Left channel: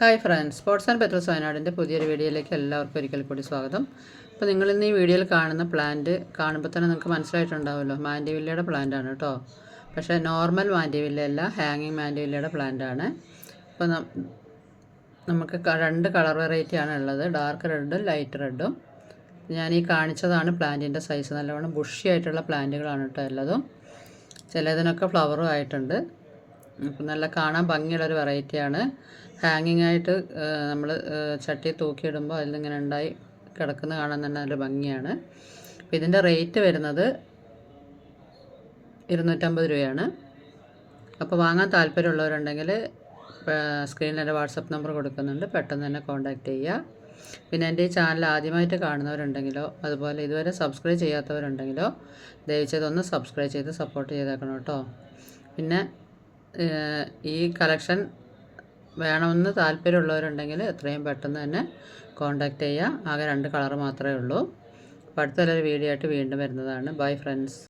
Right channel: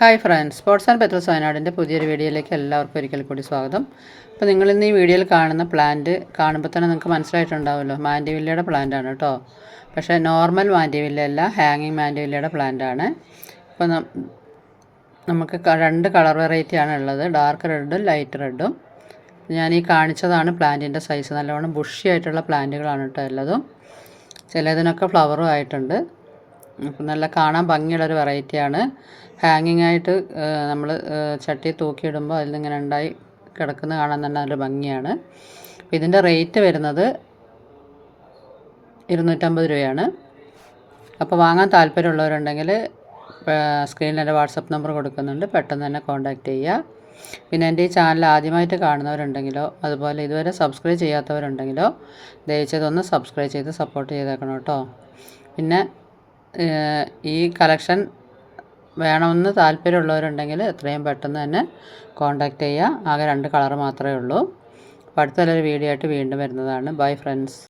Hi friends, sports and pets വയനാടിൻ്റെ പുതിയൊരു വീഡിയോയിലേക്ക് എല്ലാവർക്കും ഒരിക്കൽ കൂടി സ്വാഗതം. അപ്പോൾ നിങ്ങളിന്ന് ഈ വീഡിയോയിൽ കാണുന്ന പ്ലാന്റ് കാണുമ്പോൾ തന്നെ നിങ്ങൾക്ക് മനസ്സിലായിട്ടുണ്ടാവുമല്ലോ, മാൻഡിവില്ലയുടെ പ്ലാന്റ് ആണ് കേട്ടോ. പക്ഷേ നോർമൽ മാൻഡിവില്ല അല്ല, ഹാങ്ങിങ് മാൻഡിവില്ലയുടെ പ്ലാന്റ് ആണ്. അപ്പോൾ നമുക്ക് രണ്ട് കളർ വെറൈറ്റിയാണ് ഉള്ളത്, ഡാർക്ക് റെഡും ലൈറ്റ് റെഡും. ഞാൻ ഈ കാണിച്ചതാണ് പ്ലാന്റിൻ്റെ സൈസ്. നല്ലവണ്ണം ബുഷി ആയിട്ടുള്ള പ്ലാന്റുകളാണ് കേട്ടോ ഉള്ളതും. ചിലതിനൊക്കെ ഫ്ലവറും ആയിട്ടുണ്ട്. അപ്പം നല്ല കാണാൻ ഭംഗിയുള്ളൊരു വെറൈറ്റിയാണ്. ഹാങ്ങിങ് ആയിട്ട് നമ്മൾ ചട്ടി തൂക്കിയിടുമ്പോൾ അതിൽ നിന്നിങ്ങനെ ഉണ്ടായി കിടക്കുന്ന കാണാൻ തന്നെ നല്ല ഭംഗിയാണ്. അപ്പോൾ ഇതിൻ്റെ റേറ്റ് വരുന്നത് 250 രൂപയാണ്. അപ്പോൾ വാങ്ങാൻ താല്പര്യമുള്ളവരുണ്ടെങ്കിൽ സ്ക്രീനിൽ എൻ്റെ വാട്സപ്പ് നമ്പർ കൊടുക്കുന്നുണ്ട്, പെട്ടെന്ന് തന്നെ കോൺടാക്റ്റ് ചെയ്യുക. പിന്നെ എൻ്റെ ഈ ചാനൽ ആദ്യമായിട്ട് കാണുന്നവരുണ്ടെങ്കിലോ അതുപോലെ ഇതുവരെ സബ്സ്ക്രൈബ് ചെയ്യാത്തവരുണ്ടെങ്കിലോ ദയచేതൊന്ന് സബ്സ്ക്രൈബ് ചെയ്ത് സപ്പോർട്ട് ചെയ്തേക്കണം കേട്ടോ. പിന്നെ ഈ കളക്ഷൻ വേണമെന്ന് താല്പര്യമുള്ളവരുണ്ടെങ്കിൽ എത്രയും പെട്ടെന്ന് തന്നെ കോൺടാക്റ്റ് ചെയ്യുക. ആകെ 2 കളർ മാത്രമേ ഉള്ളൂ. അപ്പോൾ അടുത്തൊരു വീഡിയോ ആയിട്ട് വീണ്ടും വരുന്നതാണ്. Bye friends.